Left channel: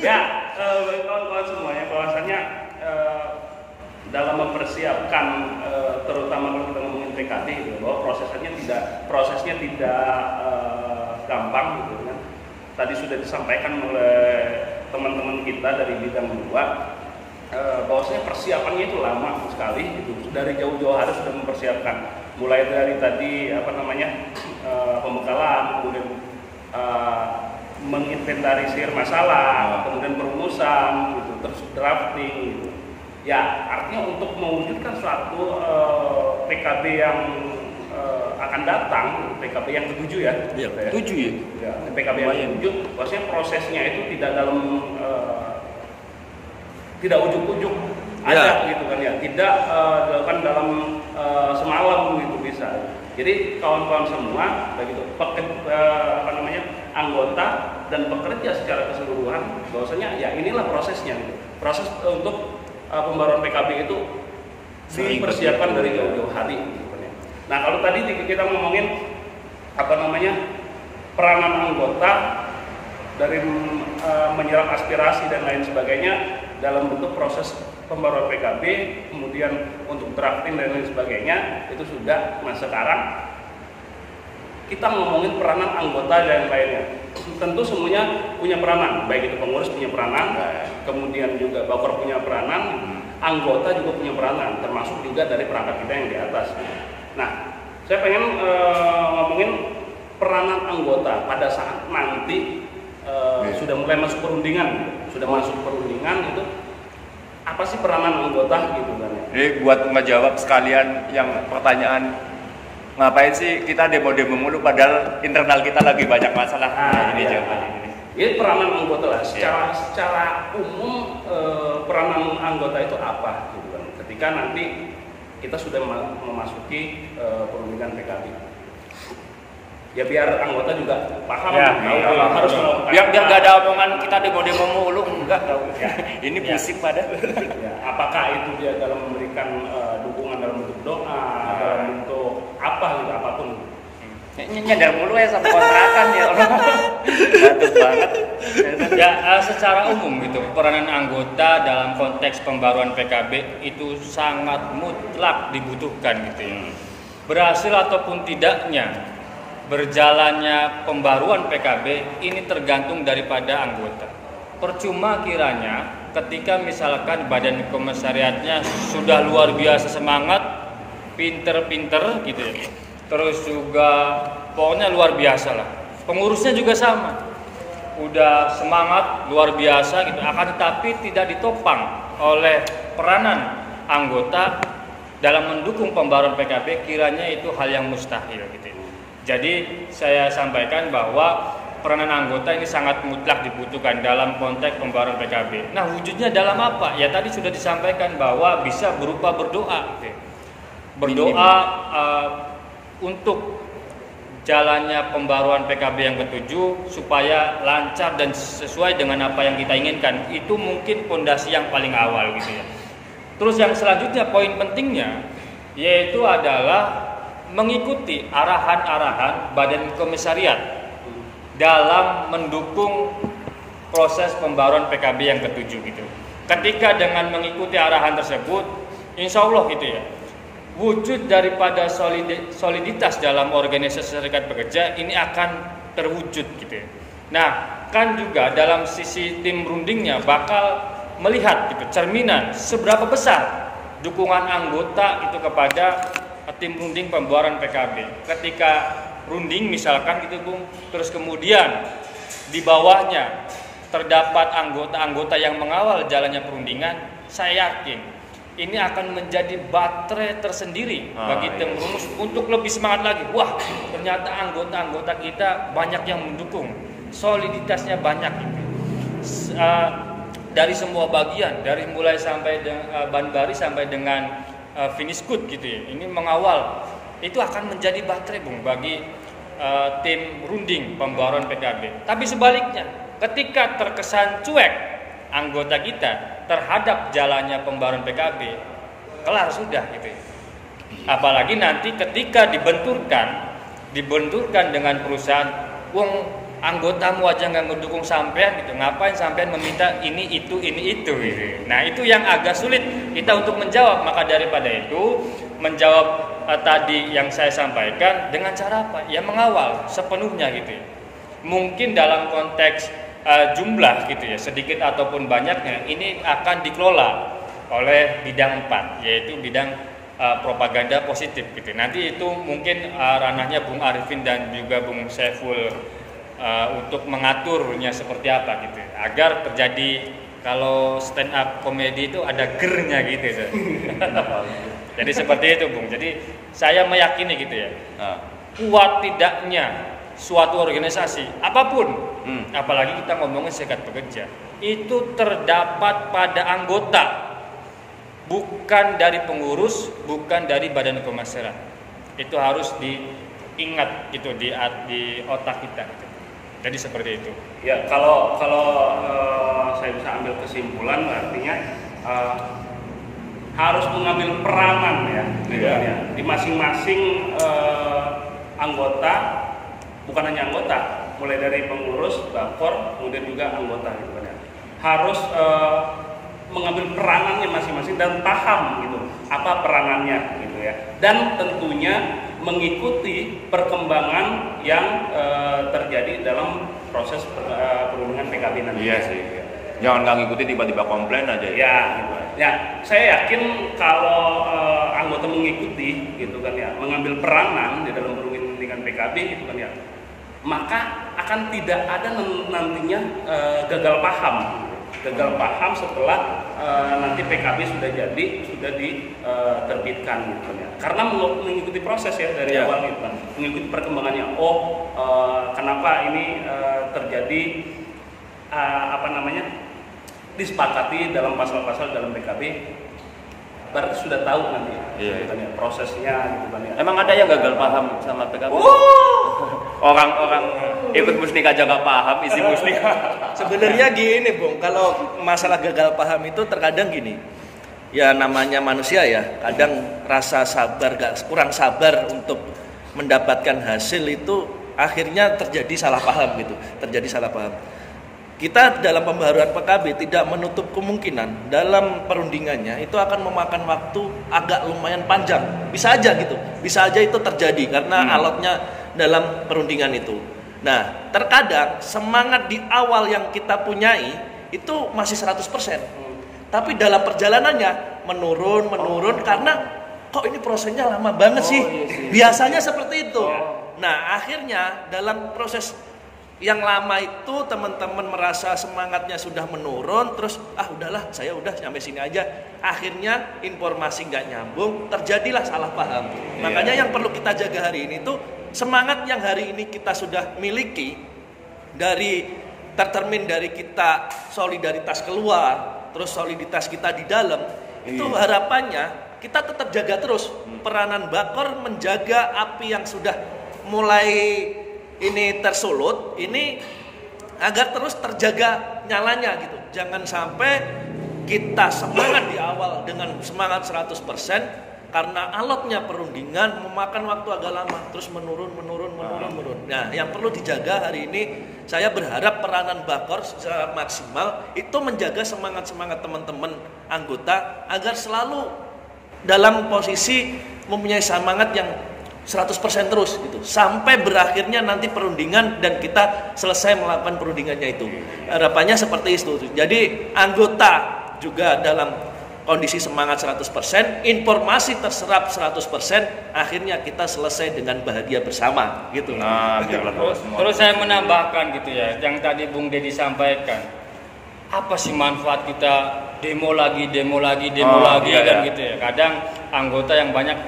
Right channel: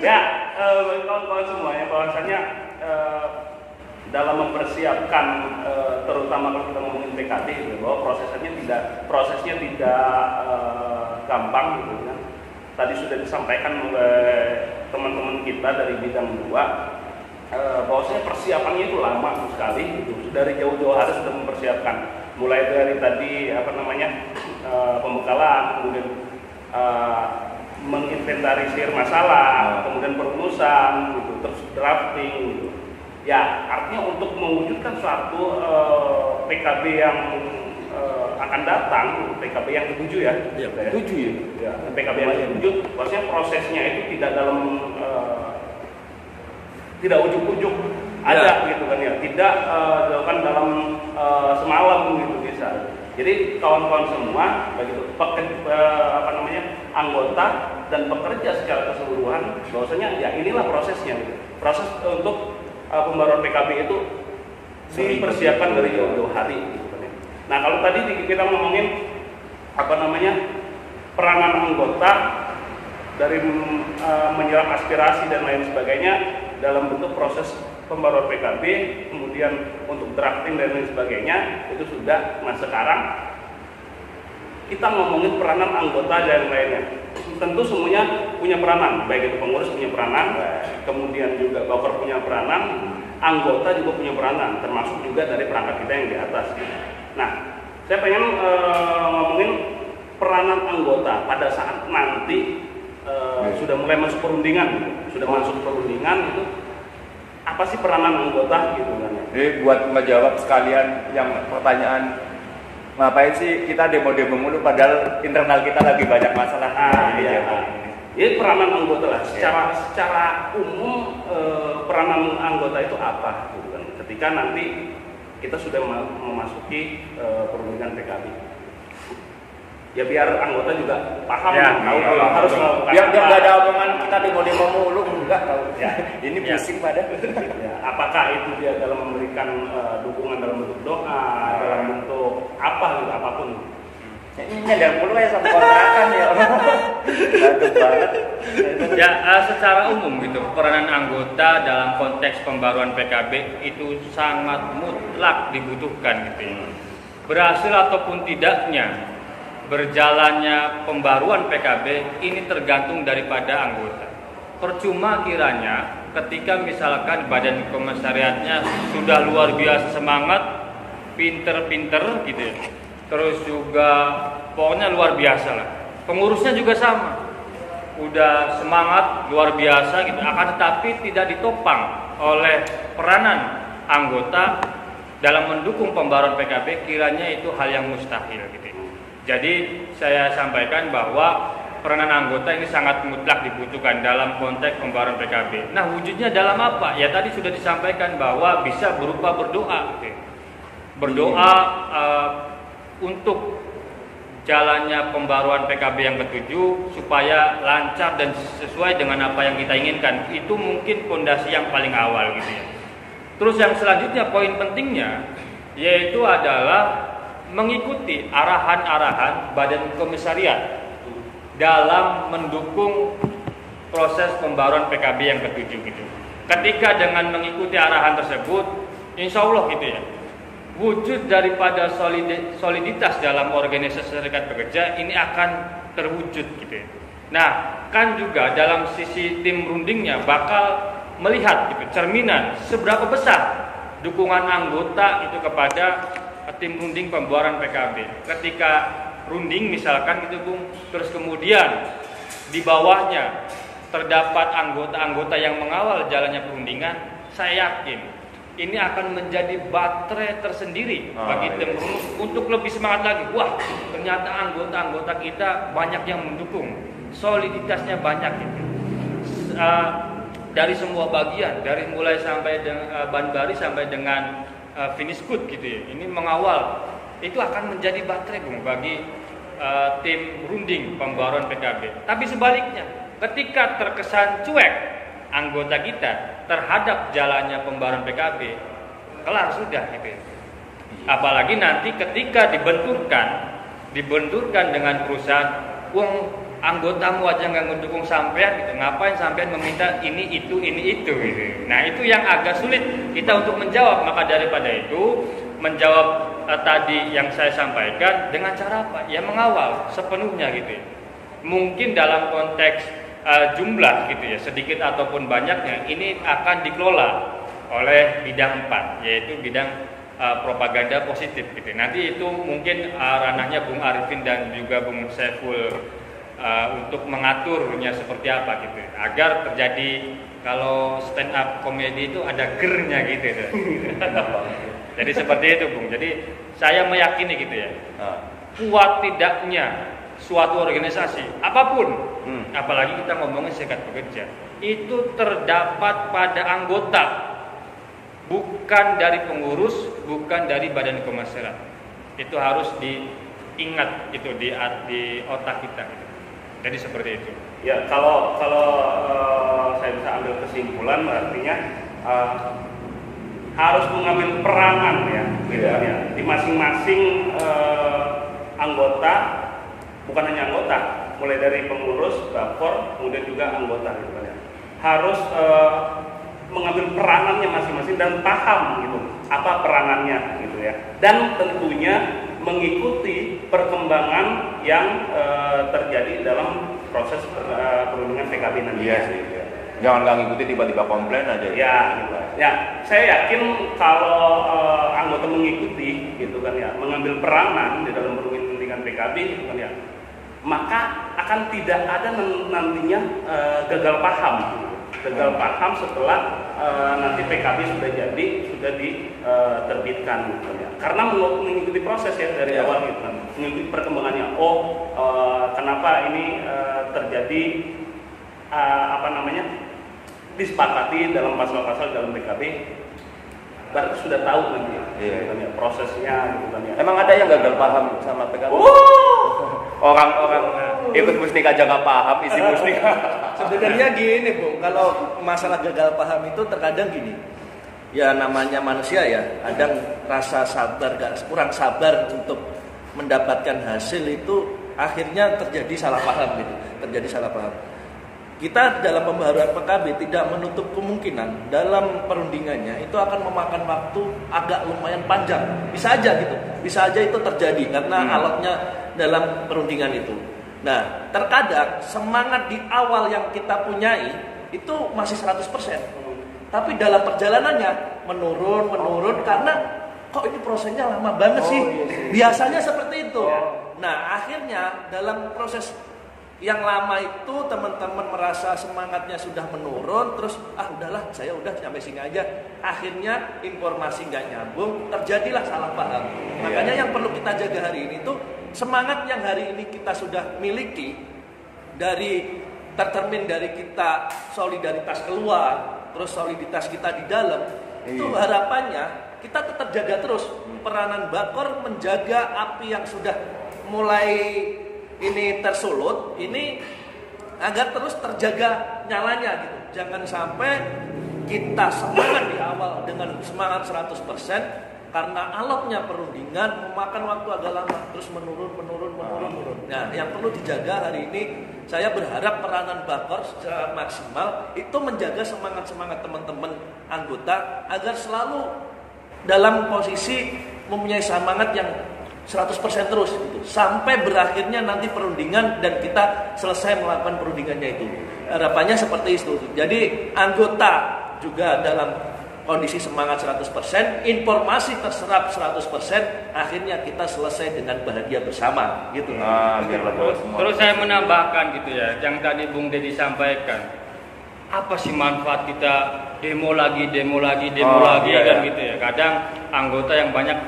Ya, bagi kawan-kawan semuanya bahwasanya dalam mempersiapkan terutama kalau kita ngomongin PKD gitu, bahwa prosesnya tidak gampang gitu kan. Tadi sudah disampaikan oleh teman-teman kita dari bidang 2 bahwasanya persiapannya itu lama sekali gitu. Dari jauh-jauh hari sudah mempersiapkan, mulai dari tadi pembekalan, kemudian menginventarisir masalah, kemudian perumusan gitu, terus drafting gitu. Ya, artinya untuk mewujudkan suatu PKB yang akan datang, PKB yang ke-7 ya. Iya, 7 ya. Ya, PKB yang ke-7, maksudnya prosesnya itu tidak tidak ujuk-ujuk ada gitu kan ya, tidak dilakukan dalam semalam gitu bisa. Jadi kawan-kawan semua begitu anggota dan pekerja secara keseluruhan bahwasanya ya inilah prosesnya gitu. Proses untuk pembaruan PKB itu dipersiapkan dari jauh-jauh hari gitu kan ya. Nah, kalau tadi kita ngomongin peranan anggota dari menyerap aspirasi dan lain sebagainya dalam bentuk proses pembaruan PKB, kemudian untuk drafting dan lain sebagainya, itu sudah. Nah, sekarang kita ngomongin peranan anggota dan lainnya. Tentu semuanya punya peranan, baik itu pengurus punya peranan, kemudian juga baper punya peranan, anggota juga punya peranan, termasuk juga dari perangkat kita yang di atas. Nah, saya pengen ngomongin peranan anggota pada saat nanti sudah mulai masuk perundingan, itu apa sih peranan anggota gitu kan ya? Ini buat ngejawab sekalian yang pertanyaan, ngapain sih kita demo-demo mulu padahal internal kita lagi banyak masalah. Ini peranan anggota lah. Secara umum peranan anggota itu apa gitu kan? Ketika nanti kita sudah memasuki perundingan PKB. Ya biar anggota juga paham, tahu kalau harus melakukan. Biar nggak ada omongan kita demo-demo mulu, enggak tahu. Ya. Ini bisik pada. Ya, apakah itu dia dalam memberikan dukungan dalam bentuk doa, dalam bentuk apa gitu, apapun. Nyadar mulu ya sama kontrakan ya. Bagus banget. Ya, secara umum gitu, peranan anggota dalam konteks pembaruan PKB itu sangat mutlak dibutuhkan gitu. Berhasil ataupun tidaknya berjalannya pembaruan PKB ini tergantung daripada anggota. Percuma kiranya ketika misalkan badan komisariatnya sudah luar biasa semangat, pinter-pinter gitu ya, terus juga pokoknya luar biasa lah. Pengurusnya juga sama, udah semangat luar biasa gitu, akan tetapi tidak ditopang oleh peranan anggota dalam mendukung pembaruan PKB, kiranya itu hal yang mustahil gitu. Jadi saya sampaikan bahwa peranan anggota ini sangat mutlak dibutuhkan dalam konteks pembaruan PKB. Nah, wujudnya dalam apa? Ya tadi sudah disampaikan bahwa bisa berupa berdoa. Berdoa untuk jalannya pembaruan PKB yang ke-7 supaya lancar dan sesuai dengan apa yang kita inginkan. Itu mungkin fondasi yang paling awal gitu ya. Terus yang selanjutnya poin pentingnya yaitu adalah mengikuti arahan-arahan badan komisariat dalam mendukung proses pembaruan PKB yang ke-7 gitu. Ketika dengan mengikuti arahan tersebut, insya Allah gitu ya, wujud daripada soliditas dalam organisasi serikat pekerja ini akan terwujud gitu ya. Nah, kan juga dalam sisi tim rundingnya bakal melihat gitu cerminan seberapa besar dukungan anggota itu kepada tim runding pembaruan PKB. Ketika runding misalkan gitu Bung, terus kemudian di bawahnya terdapat anggota-anggota yang mengawal jalannya perundingan, saya yakin ini akan menjadi baterai tersendiri bagi tim rumus untuk lebih semangat lagi. Wah, ternyata anggota-anggota kita banyak yang mendukung, soliditasnya banyak gitu. Dari semua bagian, dari mulai sampai dengan Banbari sampai dengan finish good gitu ya. Ini mengawal itu akan menjadi baterai Bung bagi tim runding pembaruan PKB. Tapi sebaliknya, ketika terkesan cuek anggota kita terhadap jalannya pembaruan PKB, kelar sudah gitu ya. Apalagi nanti ketika dibenturkan dengan perusahaan, anggotamu aja nggak mendukung sampean gitu, ngapain sampean meminta ini itu gitu. Nah itu yang agak sulit kita untuk menjawab. Maka daripada itu menjawab tadi yang saya sampaikan dengan cara apa? Ya mengawal sepenuhnya gitu. Mungkin dalam konteks jumlah gitu ya, sedikit ataupun banyaknya, ini akan dikelola oleh bidang 4, yaitu bidang propaganda positif gitu. Nanti itu mungkin ranahnya Bung Arifin dan juga Bung Saiful untuk mengaturnya seperti apa gitu, agar terjadi kalau stand up komedi itu ada gernya gitu. Jadi seperti itu Bung. Jadi saya meyakini gitu ya, kuat tidaknya suatu organisasi apapun, apalagi kita ngomongin serikat pekerja, itu terdapat pada anggota, bukan dari pengurus, bukan dari badan pemasaran. Itu harus diingat gitu di otak kita gitu. Jadi seperti itu. Ya, kalau saya bisa ambil kesimpulan, artinya harus mengambil peranan ya, gitu kan ya, di masing-masing anggota, bukan hanya anggota, mulai dari pengurus, bakor, kemudian juga anggota, gitu kan ya, harus mengambil peranannya masing-masing dan paham gitu apa peranannya gitu ya, dan tentunya mengikuti perkembangan yang terjadi dalam proses perundingan PKB nanti. Iya sih. Iya. Jangan nggak ngikuti tiba-tiba komplain aja. Ya, gitu. Ya, saya yakin kalau anggota mengikuti gitu kan ya, mengambil peranan di dalam perundingan PKB gitu kan ya, maka akan tidak ada nantinya gagal paham. Gagal paham setelah nanti PKB sudah diterbitkan gitu kan ya. Karena mengikuti proses ya dari awal gitu kan. Mengikuti perkembangannya. Kenapa ini terjadi disepakati dalam pasal-pasal dalam PKB. Berarti sudah tahu nanti gitu kan ya, prosesnya gitu kan ya. Emang ada yang gagal paham sama PKB? Orang-orang ikut musnik aja nggak paham isi musnik. Sebenarnya gini Bung, kalau masalah gagal paham itu terkadang gini, ya namanya manusia ya, kadang rasa sabar, kurang sabar untuk mendapatkan hasil itu akhirnya terjadi salah paham gitu, Kita dalam pembaharuan PKB tidak menutup kemungkinan dalam perundingannya itu akan memakan waktu agak lumayan panjang, bisa aja itu terjadi karena alotnya dalam perundingan itu. Nah, terkadang semangat di awal yang kita punyai itu masih 100%. Tapi dalam perjalanannya menurun karena kok ini prosesnya lama banget sih. Biasanya seperti itu. Nah, akhirnya dalam proses yang lama itu teman-teman merasa semangatnya sudah menurun, terus udahlah saya udah sampai sini aja. Akhirnya informasi nggak nyambung, terjadilah salah paham. Makanya yang perlu kita jaga hari ini tuh semangat yang hari ini kita sudah miliki, tercermin dari kita solidaritas keluar, terus soliditas kita di dalam, itu harapannya kita tetap jaga terus peranan bakor menjaga api yang sudah mulai ini tersulut ini agar terus terjaga nyalanya gitu. Jangan sampai kita semangat di awal dengan semangat 100% karena alotnya perundingan memakan waktu agak lama terus menurun. Nah, yang perlu dijaga hari ini saya berharap peranan bakor secara maksimal itu menjaga semangat teman-teman anggota agar selalu dalam posisi mempunyai semangat yang 100% terus gitu sampai berakhirnya nanti perundingan dan kita selesai melakukan perundingannya itu. Harapannya seperti itu. Jadi anggota juga dalam kondisi semangat 100%, informasi terserap 100%, akhirnya kita selesai dengan bahagia bersama gitu. Terus saya menambahkan gitu ya, yang tadi Bung Dedi sampaikan. Apa sih manfaat kita demo lagi kan gitu ya. Kadang anggota yang banyak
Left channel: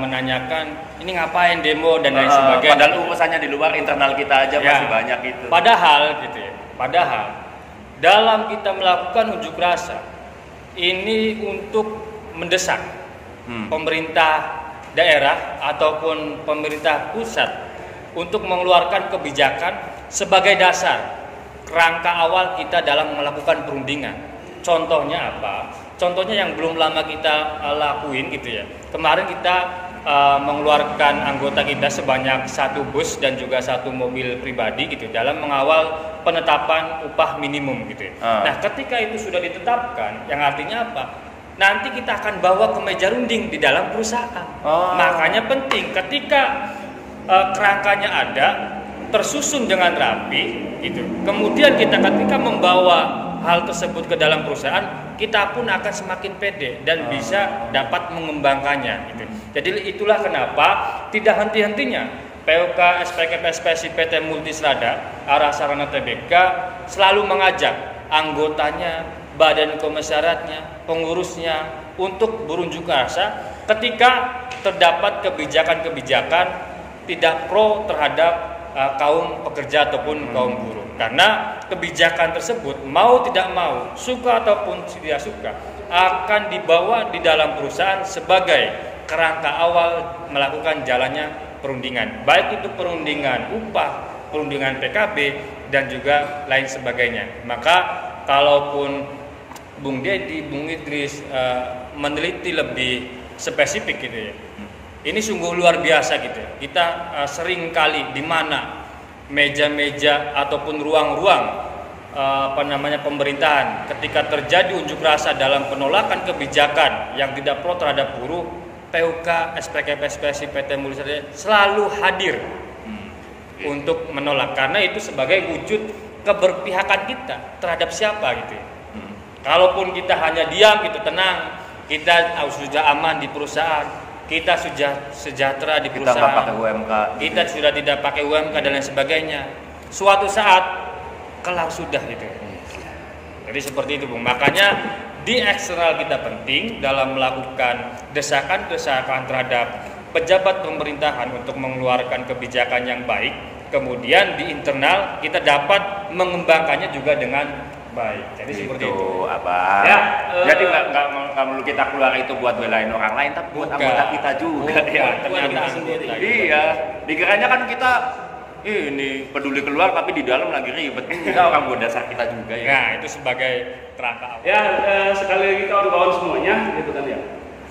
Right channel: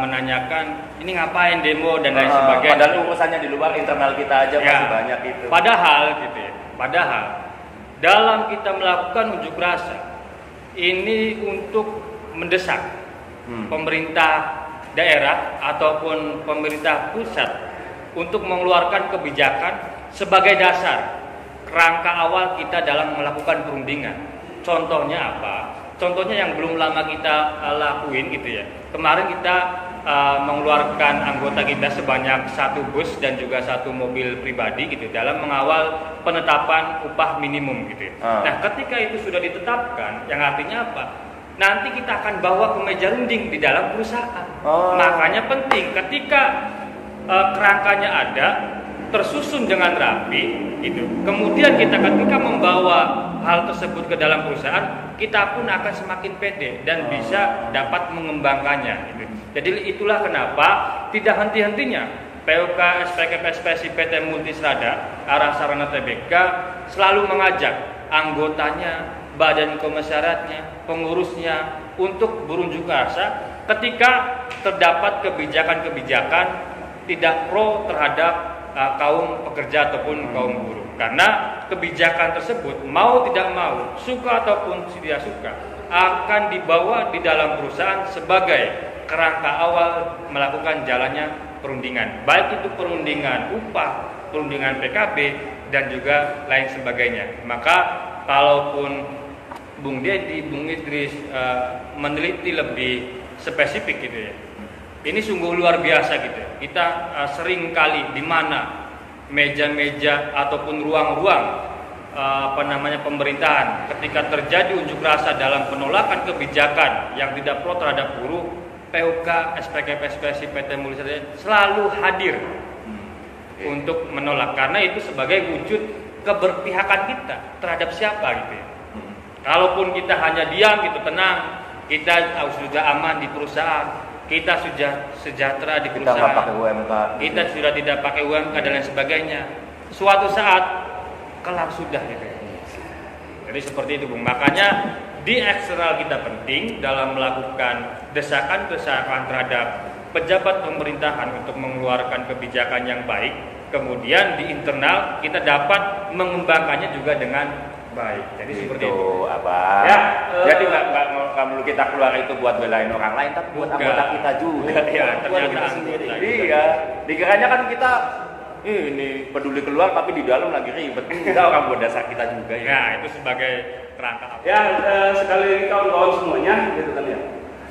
menanyakan ini ngapain demo dan lain sebagainya. Padahal urusannya di luar internal kita aja masih banyak itu. Padahal gitu ya. Dalam kita melakukan unjuk rasa ini untuk mendesak pemerintah daerah ataupun pemerintah pusat untuk mengeluarkan kebijakan sebagai dasar kerangka awal kita dalam melakukan perundingan. Contohnya apa? Contohnya yang belum lama kita lakuin gitu ya. Kemarin kita mengeluarkan anggota kita sebanyak 1 bus dan juga 1 mobil pribadi gitu dalam mengawal penetapan upah minimum gitu. Nah, ketika itu sudah ditetapkan, yang artinya apa? Nanti kita akan bawa ke meja runding di dalam perusahaan. Makanya penting ketika kerangkanya ada, tersusun dengan rapi gitu. Kemudian kita ketika membawa hal tersebut ke dalam perusahaan, kita pun akan semakin pede dan bisa dapat mengembangkannya gitu. Jadi itulah kenapa tidak henti-hentinya POK SPKP SPSI PT Multistrada Arah Sarana Tbk selalu mengajak anggotanya, badan komisariatnya, pengurusnya untuk berunjuk rasa ketika terdapat kebijakan-kebijakan tidak pro terhadap kaum pekerja ataupun kaum buruh. Karena kebijakan tersebut mau tidak mau, suka ataupun tidak suka, akan dibawa di dalam perusahaan sebagai kerangka awal melakukan jalannya perundingan, baik itu perundingan upah, perundingan PKB dan juga lain sebagainya. Maka kalaupun Bung Dedi, Bung Idris meneliti lebih spesifik gitu ya, ini sungguh luar biasa gitu. Kita sering kali di mana meja-meja ataupun ruang-ruang pemerintahan ketika terjadi unjuk rasa dalam penolakan kebijakan yang tidak pro terhadap buruh, POK SPKP SPSI PT Multistrada selalu hadir untuk menolak, karena itu sebagai wujud keberpihakan kita terhadap siapa gitu ya. Kalaupun kita hanya diam gitu, tenang, kita sudah aman di perusahaan, kita sudah sejahtera di perusahaan, kita sudah tidak pakai UMK dan lain sebagainya, suatu saat kelar sudah gitu. Jadi seperti itu Bung. Makanya di eksternal kita penting dalam melakukan desakan-desakan terhadap pejabat pemerintahan untuk mengeluarkan kebijakan yang baik. Kemudian di internal kita dapat mengembangkannya juga dengan baik. Jadi seperti itu. Abang. Ya, jadi nggak perlu kita keluar itu buat belain orang lain, tapi buat anggota kita juga. Buat kita sendiri. Iya. Dikiranya kan kita ini peduli keluar, tapi di dalam lagi ribet. Enggak, orang buat dasar kita juga ya. Nah, itu sebagai kerangka awal. Ya, sekali lagi kawan-kawan semuanya, gitu kan ya.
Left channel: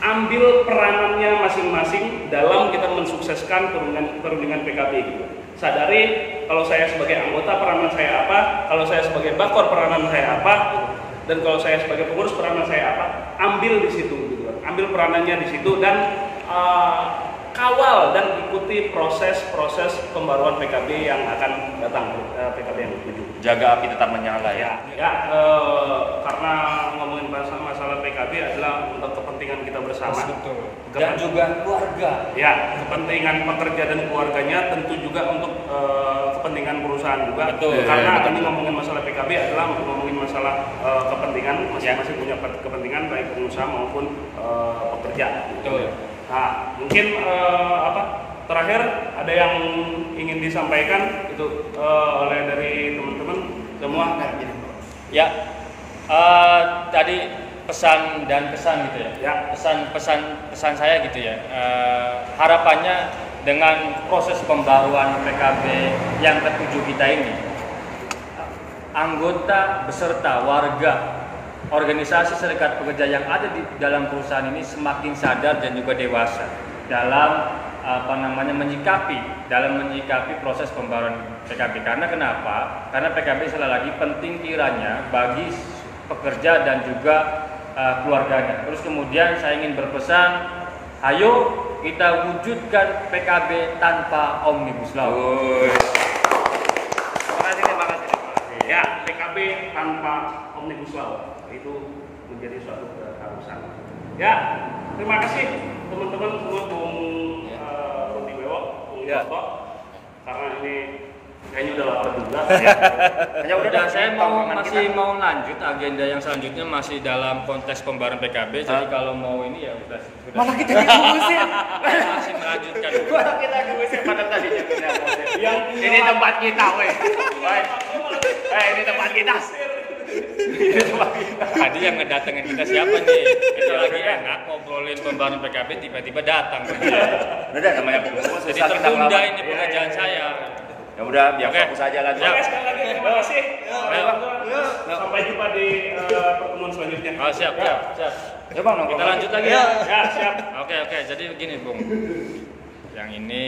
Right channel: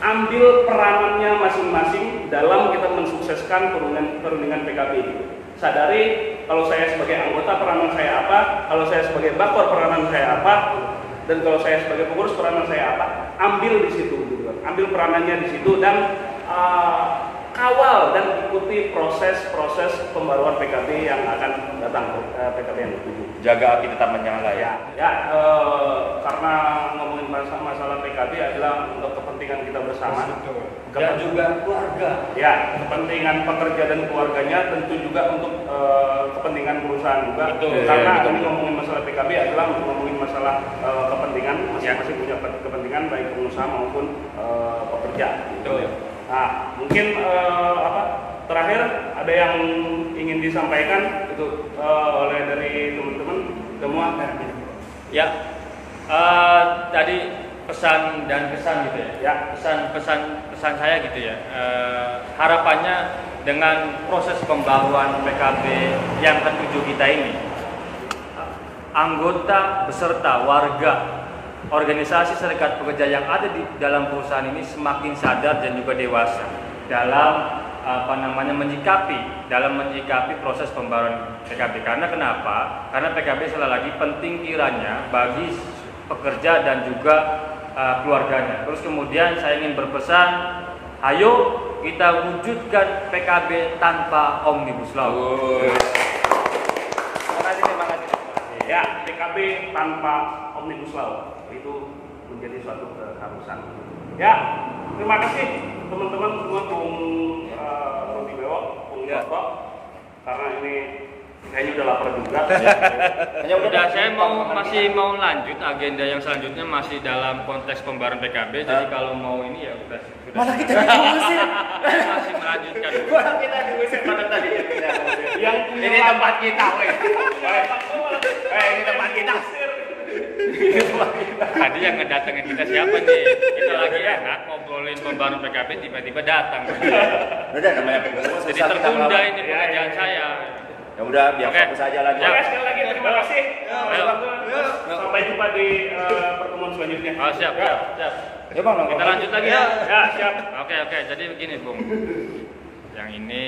Ambil peranannya masing-masing dalam kita mensukseskan perundingan PKB gitu. Sadari kalau saya sebagai anggota peranan saya apa, kalau saya sebagai bakor peranan saya apa, dan kalau saya sebagai pengurus peranan saya apa. Ambil di situ gitu kan. Ambil peranannya di situ dan kawal dan ikuti proses pembaruan PKB yang akan datang, PKB yang ke-7. Jaga api tetap menyala ya. Karena ngomongin masalah PKB adalah untuk kepentingan kita bersama. Dan juga keluarga. Ya, kepentingan pekerja dan keluarganya, tentu juga untuk kepentingan perusahaan juga. Betul. Karena ini ngomongin masalah PKB adalah ngomongin masalah kepentingan, masing-masing punya kepentingan baik pengusaha maupun pekerja. Betul. Nah, mungkin terakhir ada yang ingin disampaikan itu oleh dari teman-teman semua. Ya, tadi pesan dan kesan gitu ya. Ya. Pesan saya gitu ya. Harapannya dengan proses pembaruan PKB yang ke-7 kita ini, anggota beserta warga organisasi serikat pekerja yang ada di dalam perusahaan ini semakin sadar dan juga dewasa dalam menyikapi proses pembaruan PKB. Karena kenapa? Karena PKB sekali lagi penting kiranya bagi pekerja dan juga keluarganya. Terus kemudian saya ingin berpesan, ayo kita wujudkan PKB tanpa Omnibus Law. Terima kasih. Ya, PKB tanpa Omnibus Law itu menjadi suatu keharusan. Ya, terima kasih teman-teman semua, Bung Rudi Bewok, Bung Toto, karena ini kayaknya udah lapar juga. Hanya udah saya masih mau lanjut agenda yang selanjutnya masih dalam konteks pembaruan PKB. Jadi kalau mau ini ya udah. Malah kita diusir. Masih melanjutkan. Malah kita diusir pada tadi ini tempat kita, weh. Ini tempat kita. Tadi yang ngedatengin kita siapa nih? Ya udah nggak ngobrolin pembaruan PKB tiba-tiba datang. Udah namanya pengurus Jadi sosial kita tertunda ngelawan. ini pekerjaan saya. Ya udah biar fokus aja lagi. Sekali lagi terima kasih. Sampai jumpa di pertemuan selanjutnya. Oh, siap. Ya Bang, Kita lanjut lagi ya. Ya, siap. Oke, jadi begini, Bung. Yang ini